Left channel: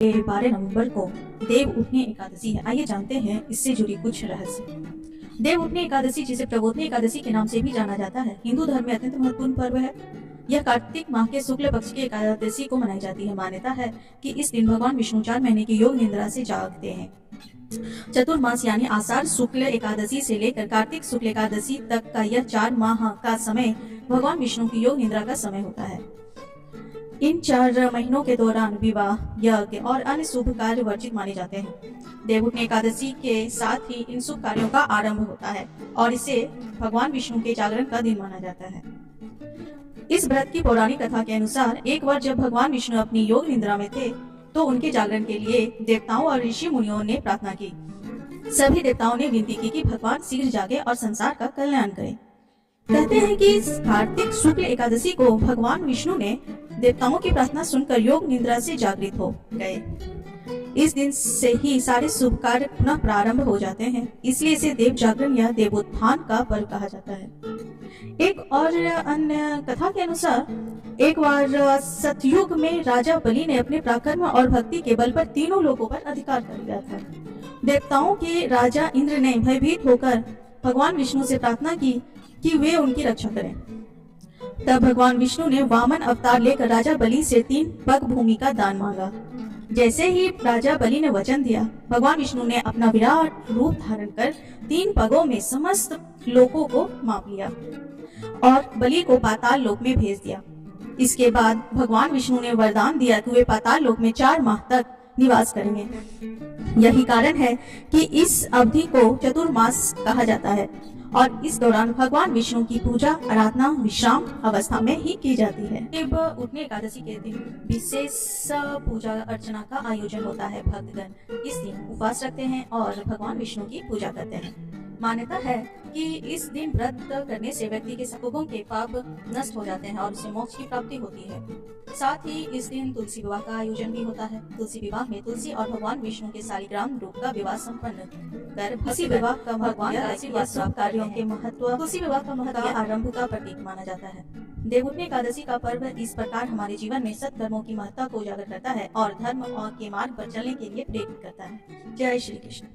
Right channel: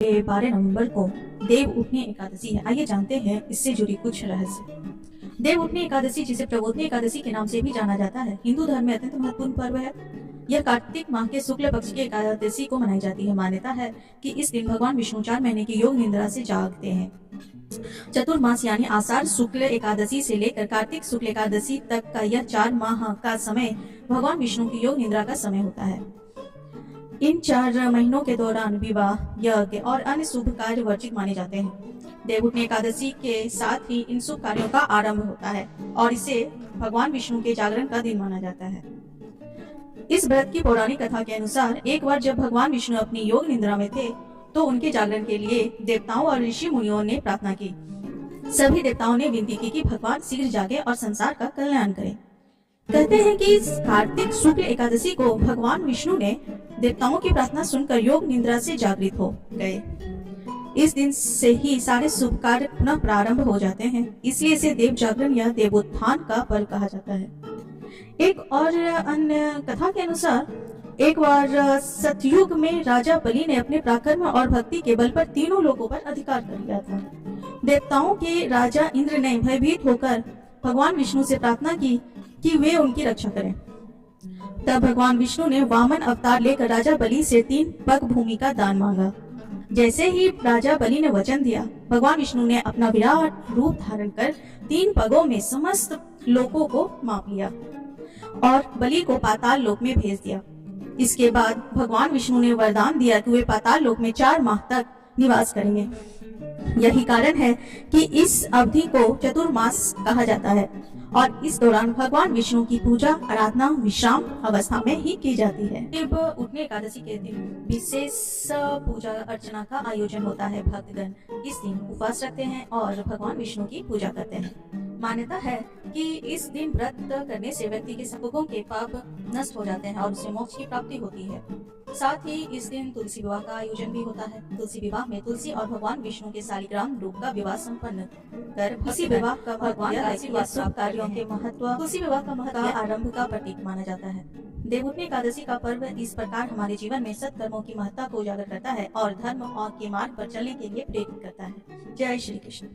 12 नवंबर को देव उठनी एकादशी है। आइए जानते हैं इससे जुड़ी कुछ रहस्य। देव उठनी एकादशी, जिसे प्रबोधनी एकादशी के नाम से भी जाना जाता है, हिंदू धर्म में अत्यंत महत्वपूर्ण पर्व है। यह कार्तिक माह के शुक्ल पक्ष की एकादशी को मनाई जाती है। मान्यता है कि इस दिन भगवान विष्णु 4 महीने की योग निद्रा से जागते हैं। चतुर्मास यानी आषाढ़ शुक्ल एकादशी से लेकर कार्तिक शुक्ल एकादशी तक का यह 4 माह का समय भगवान विष्णु की योग निद्रा का समय होता है। इन 4 महीनों के दौरान विवाह, यज्ञ और अन्य शुभ कार्य वर्जित माने जाते हैं। देवउठनी एकादशी के साथ ही इन शुभ कार्यों का आरंभ होता है और इसे भगवान विष्णु के जागरण का दिन माना जाता है। इस व्रत की पौराणिक कथा के अनुसार एक बार जब भगवान विष्णु अपनी योग निद्रा में थे तो उनके जागरण के लिए देवताओं और ऋषि मुनियों ने प्रार्थना की। सभी देवताओं ने विनती की कि भगवान शीघ्र जागे और संसार का कल्याण करें। कहते हैं कि कार्तिक शुक्ल एकादशी को भगवान विष्णु ने देवताओं की प्रार्थना सुनकर योग निद्रा से जागृत हो गए। इस दिन से ही सारे शुभ कार्य पुनः प्रारंभ हो जाते हैं, इसलिए इसे देव जागरण या देवोत्थान का पर्व कहा जाता है। एक और अन्य कथा के अनुसार एक बार सतयुग में राजा बलि ने अपने पराक्रम और भक्ति के बल पर तीनों लोगों पर अधिकार कर लिया था। देवताओं के राजा इंद्र ने भयभीत होकर भगवान विष्णु से प्रार्थना की कि वे उनकी रक्षा करें। तब भगवान विष्णु ने वामन अवतार लेकर राजा बलि से 3 पग भूमि का दान मांगा। जैसे ही राजा बलि ने वचन दिया, भगवान विष्णु ने अपना विराट रूप धारण कर 3 पगों में समस्त लोकों को माप लिया और बलि को पाताल लोक में भेज दिया। इसके बाद भगवान विष्णु ने वरदान दिया कि वे पाताल लोक में 4 माह तक निवास करेंगे। यही कारण है कि इस अवधि को चतुर्मास कहा जाता है और इस दौरान भगवान विष्णु की पूजा आराधना विश्राम अवस्था में ही की जाती है। देव उठनी एकादशी के दिन विशेष पूजा अर्चना का आयोजन होता है। भक्तगण इस दिन उपवास रखते हैं और भगवान विष्णु की पूजा करते हैं। मान्यता है कि इस दिन व्रत करने से व्यक्ति के सबों के पाप नष्ट हो जाते हैं और उसे मोक्ष की प्राप्ति होती है। साथ ही इस दिन तुलसी विवाह का आयोजन भी होता है। तुलसी विवाह में तुलसी और भगवान विष्णु के शालिग्राम रूप का विवाह संपन्न कर तुलसी विवाह का भगवान कार्यों के महत्व, तुलसी विवाह का महत्व आरंभ का प्रतीक माना जाता है। देवउठनी एकादशी का पर्व इस प्रकार हमारे जीवन में सत्कर्मों की महत्ता को उजागर करता है और धर्म और के मार्ग पर चलने के लिए प्रेरित करता है। जय श्री कृष्ण।